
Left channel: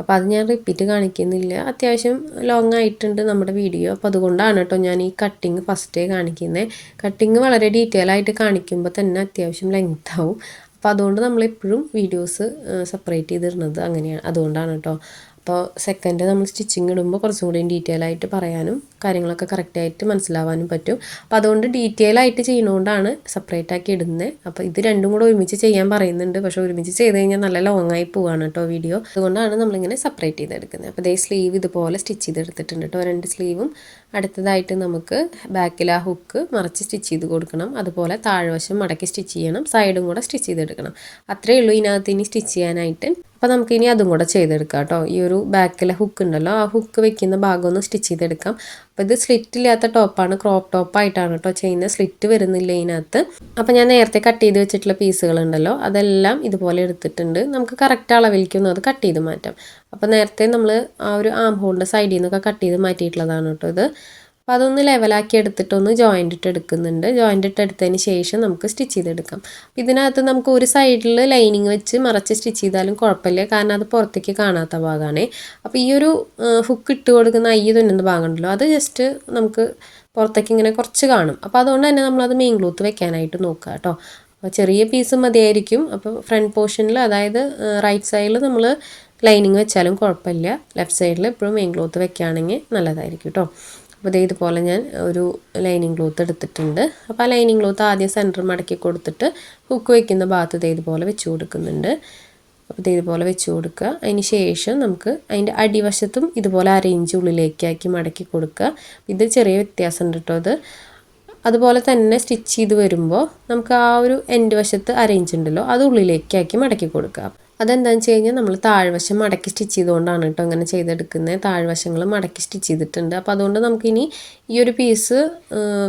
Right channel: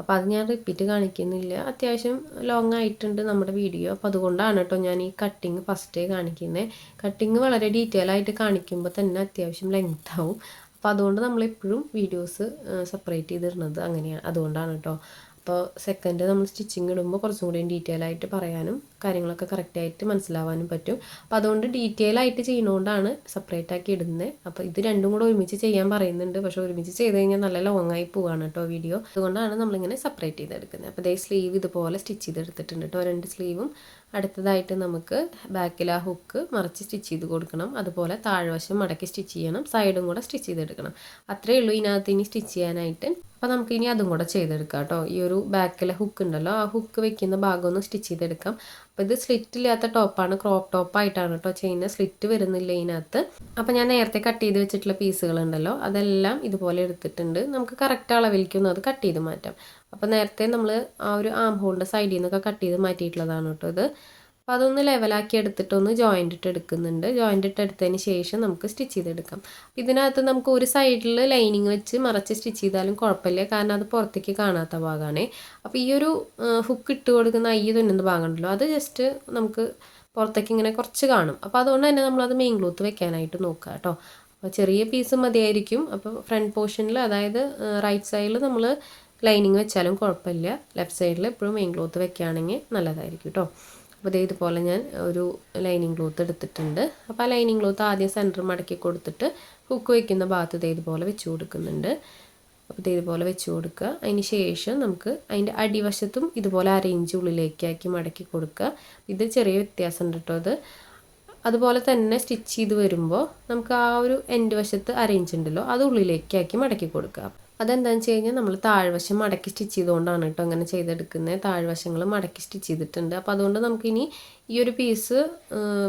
അപ്പോൾ അത് ഞാൻ റിപ്പീറ്റ് കാണിക്കുന്നില്ല. അത്യാവശ്യം ലോങ് ആയിട്ടുണ്ട് നമ്മുടെ വീഡിയോ. അപ്പോൾ അതുകൊണ്ടാണ് കേട്ടോ ഞാൻ ഈ കട്ടിങ് ഫസ്റ്റേ കാണിക്കുന്നത്. കട്ടിങ് വളരെ ഡീറ്റെയിൽ ആയിട്ട് കാണിക്കുമ്പോൾ തന്നെ അത്യാവശ്യം ലെങ്ത് ആവും. അപ്പോൾ അതുകൊണ്ട് നമ്മളെപ്പോഴും വീഡിയോസ് സെപ്പറേറ്റ് ചെയ്തിടുന്നത് അങ്ങനെയാണ്, അതുകൊണ്ടാണ് കേട്ടോ. അപ്പോൾ സെക്കൻഡ് നമ്മൾ സ്റ്റിച്ചിങ് ഇടുമ്പോൾ കുറച്ചും കൂടി ഡീറ്റെയിൽ ആയിട്ട് പറയാനും കാര്യങ്ങളൊക്കെ കറക്റ്റായിട്ട് മനസ്സിലാവാനും പറ്റും. അപ്പോൾ അതുകൊണ്ട് ഡീറ്റെയിൽ ആയിട്ട് ചെയ്യുന്നതുകൊണ്ടാണ് സെപ്പറേറ്റ് ആക്കി ഇടുന്നത്. അപ്പോൾ ഇത് രണ്ടും കൂടെ ഒരുമിച്ച് ചെയ്യാൻ പറയുന്നുണ്ട്, പക്ഷേ ഒരുമിച്ച് ചെയ്ത് കഴിഞ്ഞാൽ നല്ല ലോങ് ആയി പോവാണ് കേട്ടോ വീഡിയോ. അതുകൊണ്ടാണ് നമ്മളിങ്ങനെ സെപ്പറേറ്റ് ചെയ്തെടുക്കുന്നത്. അപ്പോൾ സ്ലീവ് ഇതുപോലെ സ്റ്റിച്ച് ചെയ്തെടുത്തിട്ടുണ്ട് കേട്ടോ 2 സ്ലീവും. അടുത്തതായിട്ട് നമുക്ക് ബാക്കിൽ ആ ഹുക്ക് മറച്ച് സ്റ്റിച്ച് ചെയ്ത് കൊടുക്കണം. അതുപോലെ താഴ്വശം മടക്കി സ്റ്റിച്ച് ചെയ്യണം, സൈഡും കൂടെ സ്റ്റിച്ച് ചെയ്തെടുക്കണം. അത്രയേ ഉള്ളൂ ഇതിനകത്ത് ഇനി സ്റ്റിച്ച് ചെയ്യാനായിട്ട്. അപ്പോൾ നമുക്കിനി അതും കൂടെ ചെയ്തെടുക്കാം കേട്ടോ. ഈ ഒരു ബാക്കിലെ ഹുക്ക് ഉണ്ടല്ലോ, ആ ഹുക്ക് വെക്കുന്ന ഭാഗം ഒന്ന് സ്റ്റിച്ച് ചെയ്തെടുക്കാം. അപ്പോൾ ഇത് സ്ലിറ്റ് ഇല്ലാത്ത ടോപ്പാണ്, ക്രോപ്പ് ടോപ്പായിട്ടാണ് കേട്ടോ ചെയ്യുന്നത്. സ്ലിറ്റ് വരുന്നില്ല ഇതിനകത്ത്. അപ്പോൾ ഞാൻ നേരത്തെ കട്ട് ചെയ്ത് വെച്ചിട്ടുള്ള പീസുകളുണ്ടല്ലോ അതെല്ലാം ഇതുപോലെ എടുത്തിട്ടുണ്ട്. നമുക്ക് കറക്റ്റ് അളവിലേക്കൊന്നും അത് കട്ട് ചെയ്ത് മാറ്റാം. അപ്പോൾ നേരത്തെ നമ്മൾ ആ ഒരു ആം ഹോളിൻ്റെ സൈഡിൽ നിന്നൊക്കെ കട്ട് ചെയ്ത് മാറ്റിയിട്ടുള്ളതാണ് കേട്ടോ ഇത്. അപ്പോൾ അതൊന്ന് ലെവലാക്കി എടുത്തിട്ടൊന്ന് ജോയിൻ്റ് ഇട്ട് എടുക്കുന്നുണ്ട്. ജോയിൻ്റ് ഇട്ട് എടുത്തതിന് ശേഷം നമുക്ക് സ്റ്റിച്ച് ചെയ്തെടുക്കാം. അപ്പോൾ ഇതിനകത്ത് നമുക്ക് ഒരു സൈഡിൽ ലൈനിങ് വെച്ച് മറച്ച് സ്റ്റിച്ച് ചെയ്താലും കുഴപ്പമില്ല, കാരണം അത് പുറത്തേക്ക് കാണാത്ത ഭാഗമാണ്. അപ്പോൾ ഈ ഒരു ഹുക്ക് ഇട്ട് കൊടുക്കുന്ന തുന്നുന്ന ഭാഗം ഉണ്ടല്ലോ അത് ജസ്റ്റ് നമുക്ക് പുറത്തേക്ക് ഇങ്ങനെ കുറച്ച് കാണും. അപ്പോൾ അതുകൊണ്ട് തന്നെ നമ്മളത് മെയിൻ ക്ലോത്ത് വെക്കാനായിട്ട് നോക്കുക കേട്ടോ. അപ്പോൾ ചെറിയ പീസ് മതിയായിരിക്കും. അപ്പോൾ ഫ്രണ്ട് പോർഷനിൽ, അതായത് റൈറ്റ് സൈഡിൽ നമ്മൾ ലൈനിങ് വെച്ചാലും കുഴപ്പമില്ല, ലെഫ്റ്റ് സൈഡിൽ എപ്പോഴും മെയിൻ ക്ലോത്ത് വെക്കുകയാണെങ്കിൽ നല്ലതായിരിക്കും കേട്ടോ. അപ്പോൾ ഇതുപോലെ ഞാൻ ഒരു ലൈനിങ് ക്ലോത്ത് എടുത്തിട്ടുണ്ട്. അപ്പോൾ ആ ലൈനിങ് ക്ലോത്ത് ആദ്യം സെൻറ്റർ മടക്കി കൊടുത്തിട്ട് ഹുക്ക് വയ്ക്കുന്ന ഭാഗത്ത് ഇതുപോലെ വെച്ച് കൊടുക്കുന്നുണ്ട്. അപ്പോൾ ഇതുപോലെ വെച്ച് കൊടുക്കുക. അതിന് ശേഷം നമുക്ക് അതിൻ്റെ അടിവശത്തും ഇതുപോലെ അരയിഞ്ച് ഉള്ളിലേക്കാക്കി മടക്കി കൊടുക്കുക. ഇത് ചെറിയ വ്യത്യാസമുണ്ട് കേട്ടോ അത്. അതുപോലെ തന്നെ സ്റ്റിച്ച് ചെയ്ത് വരുമ്പോൾ നമുക്ക് ആ ഒരു എൻഡ് വശത്ത് അരയിഞ്ച് ഉണ്ടല്ലോ അത് ഉള്ളിലേക്കാക്കി മടക്കി കൊടുക്കുക. അതെന്താണെന്ന് വെച്ച് കഴിഞ്ഞാൽ നമ്മൾ താഴ്വശം മടക്കി സ്റ്റിച്ച് ചെയ്തുകൊണ്ടാണ് കേട്ടോ അങ്ങനെ ചെയ്തെടുക്കുന്നത്. താഴ്വശങ്ങൾ മടക്കി സ്റ്റിച്ച് ചെയ്തിട്ടുണ്ട്. അപ്പോൾ അതുകൊണ്ട് നമുക്കിനി ഈ ഒരു പീസ്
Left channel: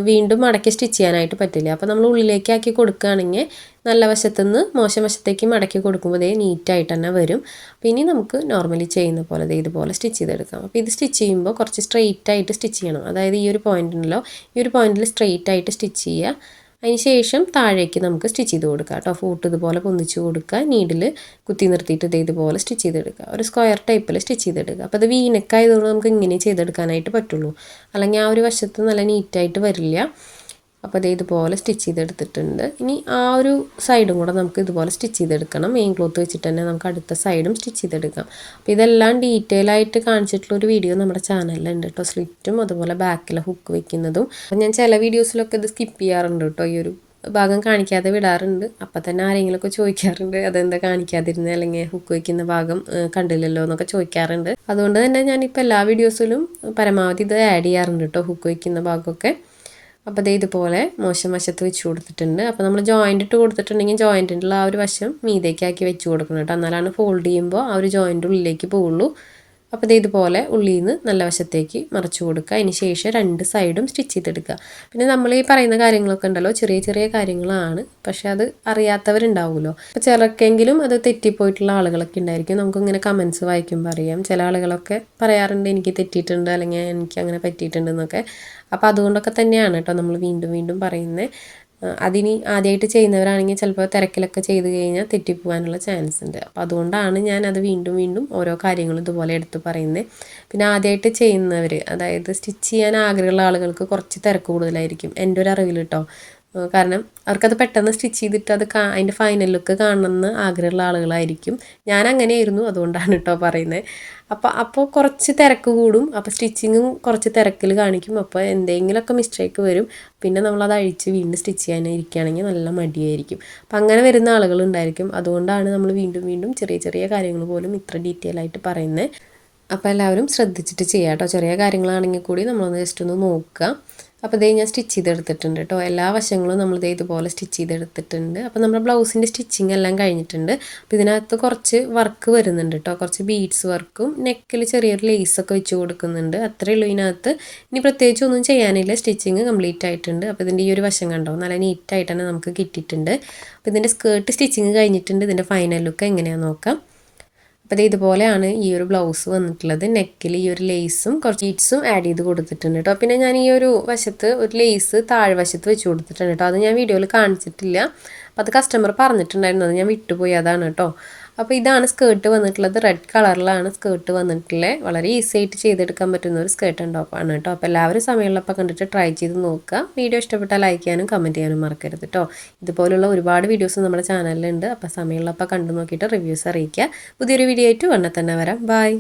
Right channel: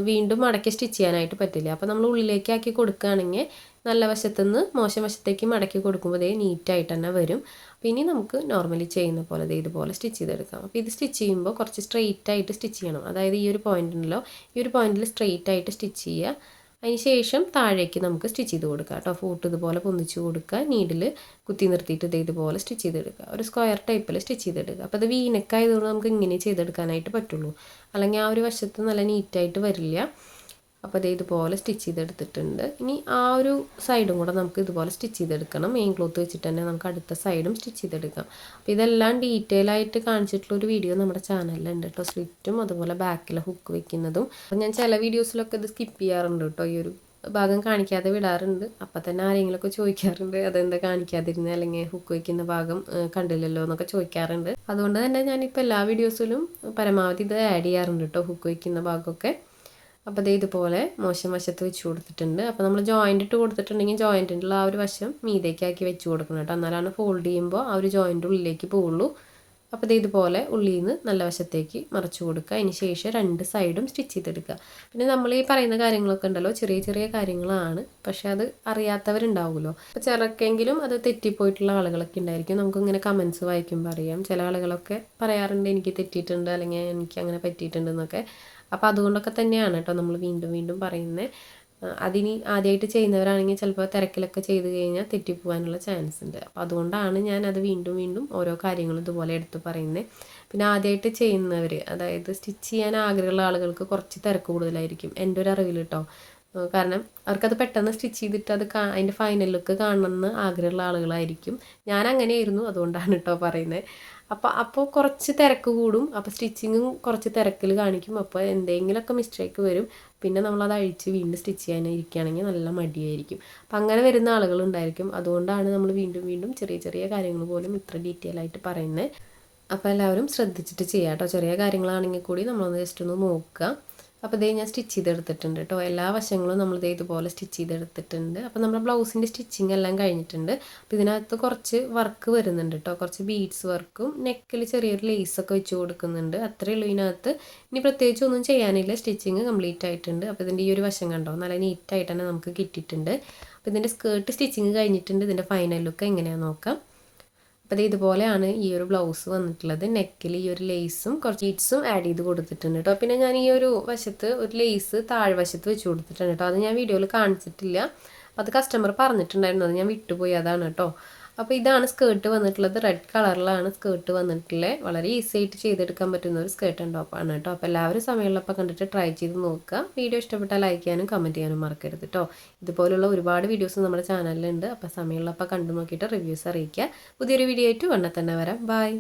വീണ്ടും മടക്കി സ്റ്റിച്ച് ചെയ്യാനായിട്ട് പറ്റില്ല. അപ്പോൾ നമ്മൾ ഉള്ളിലേക്കാക്കി കൊടുക്കുകയാണെങ്കിൽ നല്ല വശത്തുനിന്ന് മോശം വശത്തേക്ക് മടക്കി കൊടുക്കുമ്പോൾ നീറ്റായിട്ട് തന്നെ വരും. അപ്പോൾ ഇനി നമുക്ക് നോർമലി ചെയ്യുന്ന പോലെ ഇതുപോലെ സ്റ്റിച്ച് ചെയ്തെടുക്കാം. അപ്പോൾ ഇത് സ്റ്റിച്ച് ചെയ്യുമ്പോൾ കുറച്ച് സ്ട്രെയിറ്റ് ആയിട്ട് സ്റ്റിച്ച് ചെയ്യണം. അതായത് ഈ ഒരു പോയിൻ്റ് ഉണ്ടല്ലോ, ഈ ഒരു പോയിന്റിൽ സ്ട്രെയിറ്റ് ആയിട്ട് സ്റ്റിച്ച് ചെയ്യുക. അതിന് ശേഷം താഴേക്ക് നമുക്ക് സ്റ്റിച്ച് ചെയ്ത് കൊടുക്കുക കേട്ടോ. ഫൂട്ട് ഇതുപോലെ പൊന്നിച്ച് കൊടുക്കുക, നീഡിൽ കുത്തി നിർത്തിയിട്ട് ഇതുപോലെ സ്റ്റിച്ച് ചെയ്തെടുക്കുക. ഒരു സ്ക്വയർ ടൈപ്പിൽ സ്റ്റിച്ച് ചെയ്തെടുക്കുക. അപ്പോൾ അത് വീനക്കായതുകൊണ്ട് നമുക്ക് ഇങ്ങനെ ചെയ്തെടുക്കാനായിട്ട് പറ്റുള്ളൂ, അല്ലെങ്കിൽ ആ ഒരു വശത്ത് നല്ല നീറ്റായിട്ട് വരില്ല. അപ്പോൾ ഇതുപോലെ സ്റ്റിച്ച് ചെയ്തെടുത്തിട്ടുണ്ട്. ഇനി ആ ഒരു സൈഡും കൂടെ നമുക്ക് ഇതുപോലെ സ്റ്റിച്ച് ചെയ്തെടുക്കണം. മെയിൻ ക്ലോത്ത് വെച്ചിട്ട് തന്നെ നമുക്ക് അടുത്ത സൈഡും സ്റ്റിച്ച് ചെയ്തെടുക്കാം. അപ്പോൾ ഇതെല്ലാം ഡീറ്റെയിൽ ആയിട്ട് കാണിച്ചിട്ടുള്ളൊരു വീഡിയോ നമ്മുടെ ചാനലിലുണ്ട് കേട്ടോ. സ്ലിറ്റും അതുപോലെ ബാക്കിലെ ഹുക്ക് വെക്കുന്നതും. അപ്പോൾ ഞാൻ ചില വീഡിയോസിലൊക്കെ ഇത് സ്കിപ്പ് ചെയ്യാറുണ്ട് കേട്ടോ, ഈ ഒരു ഭാഗം കാണിക്കാതെ വിടാറുണ്ട്. അപ്പം തന്നെ ആരെങ്കിലുമൊക്കെ ചോദിക്കാറുണ്ട് അതെന്താ കാണിക്കാതിരുന്നത്, അല്ലെങ്കിൽ ഹുക്ക് വയ്ക്കുന്ന ഭാഗം കണ്ടില്ലല്ലോ എന്നൊക്കെ ചോദിക്കാറുണ്ട്. അതുകൊണ്ട് തന്നെ ഞാനിപ്പോൾ എല്ലാ വീഡിയോസിലും പരമാവധി ഇത് ആഡ് ചെയ്യാറുണ്ട് കേട്ടോ, ഹുക്ക് വയ്ക്കുന്ന ഭാഗമൊക്കെ. അപ്പോൾ ദേ ഇതുപോലെ മോശം വശത്ത് വെച്ച് കൊടുത്തിട്ടുണ്ട്. അപ്പോൾ നമ്മൾ ജോയിൻ്റ് ഇട്ട് കൊടുത്തിട്ടുണ്ടെങ്കിൽ ജോയിൻറ്റിൻ്റെ ആ ഒരു വശം മീതേക്കാക്കി വെച്ച് കൊടുക്കണം കേട്ടോ. എന്നാലാണ് ഫോൾഡ് ചെയ്യുമ്പോൾ ആ ഒരു ജോയിൻ്റ് ഉള്ളിലേക്ക് പോവുള്ളൂ. അപ്പോൾ ദേ ഇതുപോലെ ഉള്ളിൽ നിന്ന് നല്ല വശത്തേക്ക് മറച്ചു കൊടുക്കുക. അതിന് ശേഷം 2 സൈഡും സ്റ്റിച്ച് ചെയ്തെടുക്കുക. പിന്നെ നമ്മൾ ഈ പറയുന്ന കാര്യങ്ങളൊക്കെ ഉണ്ടല്ലോ, ചെറിയ ചെറിയ കാര്യങ്ങളാണ്, പക്ഷെ അത് അറിയാത്തവരുണ്ടാവുമല്ലോ. അപ്പോൾ ചിലർക്കെങ്കിലും അത് തെറ്റിപ്പോയിട്ടുള്ള ആളുകളൊക്കെ ഉണ്ടായിരിക്കും. നമുക്കിങ്ങനെ കമൻസ് വായിക്കുമ്പോൾ അറിയാം. ചില ആളുകളൊക്കെ പറയാറുണ്ട് എനിക്ക് തെറ്റിയിട്ടുണ്ട് അല്ലെങ്കിൽ എനിക്ക് അങ്ങനെ പറ്റിയിട്ടുണ്ടെന്നൊക്കെ. അപ്പോൾ അതുകൊണ്ടൊക്കെ തന്നെയാണ് കേട്ടോ നമ്മൾ വീണ്ടും വീണ്ടും പറയുന്നത്. അതിനി ആദ്യമായിട്ട് ചെയ്യുന്നവരാണെങ്കിൽ ചിലപ്പോൾ തിരക്കിലൊക്കെ ചെയ്ത് കഴിഞ്ഞാൽ തെറ്റിപ്പോകാനുള്ള ചാൻസ് ഉണ്ട്. അപ്പോൾ അതുകൊണ്ടാണ് ഞാൻ അത് വീണ്ടും വീണ്ടും ഓരോ കാര്യങ്ങളും ഇതുപോലെ എടുത്ത് പറയുന്നത്. പിന്നെ ആദ്യമായിട്ട് ചെയ്യുന്നവർ, അതായത് സ്റ്റിച്ച് ചെയ്യാൻ ആഗ്രഹമുള്ള ആളുകൾക്ക് കുറച്ച് തിരക്ക് കൂടുതലായിരിക്കും എൻ്റെ ഒരു അറിവിൽ കേട്ടോ. കാരണം അവർക്കത് പെട്ടെന്ന് സ്റ്റിച്ച് ചെയ്തിട്ട് അത് അതിൻ്റെ ഫൈനൽ ലുക്ക് കാണണമെന്ന് ആഗ്രഹമുള്ള ആളുകളായിരിക്കും. ഞാൻ അങ്ങനെയായിരുന്നു, അതുകൊണ്ടാണ് കേട്ടോ പറയുന്നത്. അപ്പോൾ കുറച്ച് തിരക്ക് കൂടും. അപ്പോൾ സ്റ്റിച്ചിങ്ങും കുറച്ച് തിരക്കിൽ കാണിക്കും. അപ്പോൾ എന്തെങ്കിലുമൊക്കെ മിസ്റ്റേക്ക് വരും. പിന്നെ നമ്മളത് അഴിച്ച് വീണ്ടും സ്റ്റിച്ച് ചെയ്യാൻ ഇരിക്കുകയാണെങ്കിൽ നല്ല മടിയായിരിക്കും. അപ്പം അങ്ങനെ വരുന്ന ആളുകളുണ്ടായിരിക്കും. അതുകൊണ്ടാണ് നമ്മൾ വീണ്ടും വീണ്ടും ചെറിയ ചെറിയ കാര്യങ്ങൾ പോലും ഇത്ര ഡീറ്റെയിൽ ആയിട്ട് പറയുന്നത്. അപ്പോൾ എല്ലാവരും ശ്രദ്ധിച്ചിട്ട് ചെയ്യാം കേട്ടോ. ചെറിയ കാര്യങ്ങളാണെങ്കിൽ കൂടി നമ്മളൊന്ന് ജസ്റ്റ് ഒന്ന് നോക്കുക. അപ്പോൾ ഇതേ ഞാൻ സ്റ്റിച്ച് ചെയ്തെടുത്തിട്ടുണ്ട് കേട്ടോ. എല്ലാ വശങ്ങളും നമ്മളിതേ ഇതുപോലെ സ്റ്റിച്ച് ചെയ്തെടുത്തിട്ടുണ്ട്. അപ്പോൾ നമ്മുടെ ബ്ലൗസിൻ്റെ സ്റ്റിച്ചിങ് എല്ലാം കഴിഞ്ഞിട്ടുണ്ട്. അപ്പോൾ ഇതിനകത്ത് കുറച്ച് വർക്ക് വരുന്നുണ്ട് കേട്ടോ. കുറച്ച് ബീഡ്സ് വർക്കും നെക്കിൽ ചെറിയൊരു ലേസൊക്കെ വെച്ച് കൊടുക്കുന്നുണ്ട്. അത്രയേ ഉള്ളൂ ഇതിനകത്ത്. ഇനി പ്രത്യേകിച്ച് ഒന്നും ചെയ്യാനില്ല. സ്റ്റിച്ചിങ് കംപ്ലീറ്റ് ആയിട്ടുണ്ട്. അപ്പോൾ ഇതിൻ്റെ ഈ ഒരു വശം കണ്ടോ, നല്ല നീറ്റായിട്ട് തന്നെ നമുക്ക് കിട്ടിയിട്ടുണ്ട്. അപ്പോൾ ഇതിൻ്റെ സ്കേർട്ട് സ്റ്റിച്ചിങ് കഴിഞ്ഞിട്ടുണ്ട്. ഇതിൻ്റെ ഫൈനൽ ലുക്ക് എങ്ങനെയാണെന്ന് നോക്കാം. അപ്പോൾ ഇതുപോലെയാണ് ഈ ഒരു ബ്ലൗസ് വന്നിട്ടുള്ളത്. നെക്കിൽ ഈ ഒരു ലേസും കുറച്ച് ബീഡ്സും ആഡ് ചെയ്ത് കൊടുത്തിട്ടുണ്ട് കേട്ടോ. പിന്നെ ഞാൻ ഈ ഒരു വശത്ത് ഒരു ലേസ് താഴ്വശത്ത് വെച്ച് കൊടുത്തിട്ടുണ്ട് കേട്ടോ. അത് ഞാൻ വീഡിയോയിൽ കാണിച്ചിട്ടില്ല. അപ്പോൾ അത് കസ്റ്റമർ പറഞ്ഞിട്ടുണ്ടായിരുന്നു, അത് ഞാൻ വിട്ടുപോയി, അതാണ് കേട്ടോ. അപ്പോൾ ഇതാണ് സ്കേർട്ട് വന്നിട്ടുള്ളത്. റെഡ് കളറിലാണ് സ്കേർട്ട് വന്നിട്ടുള്ളത്. വളരെ ഈസി ആയിട്ട് ചെയ്തെടുക്കാൻ പറ്റുന്ന ഒരു സ്കേർട്ട് ആൻഡ് ടോപ്പാണ് കേട്ടോ. അപ്പോൾ എല്ലാവരും സമയമുള്ളപ്പോൾ കണ്ടിട്ട് ട്രൈ ചെയ്ത് നോക്കുക. വീഡിയോ ഇഷ്ടപ്പെട്ടാൽ ലൈക്ക് ചെയ്യാനും കമൻറ്റ് ചെയ്യാനും മറക്കരുത് കേട്ടോ. ഇതുപോലുള്ള ഒരുപാട് വീഡിയോസ് നമ്മുടെ ചാനലിലുണ്ട്. അപ്പോൾ സമയമുള്ളപ്പോൾ കണ്ടു നോക്കിയിട്ട് റിവ്യൂസ് അറിയിക്കുക. പുതിയൊരു വീഡിയോ ആയിട്ട് ഉടനെ തന്നെ വരാം. ബൈ.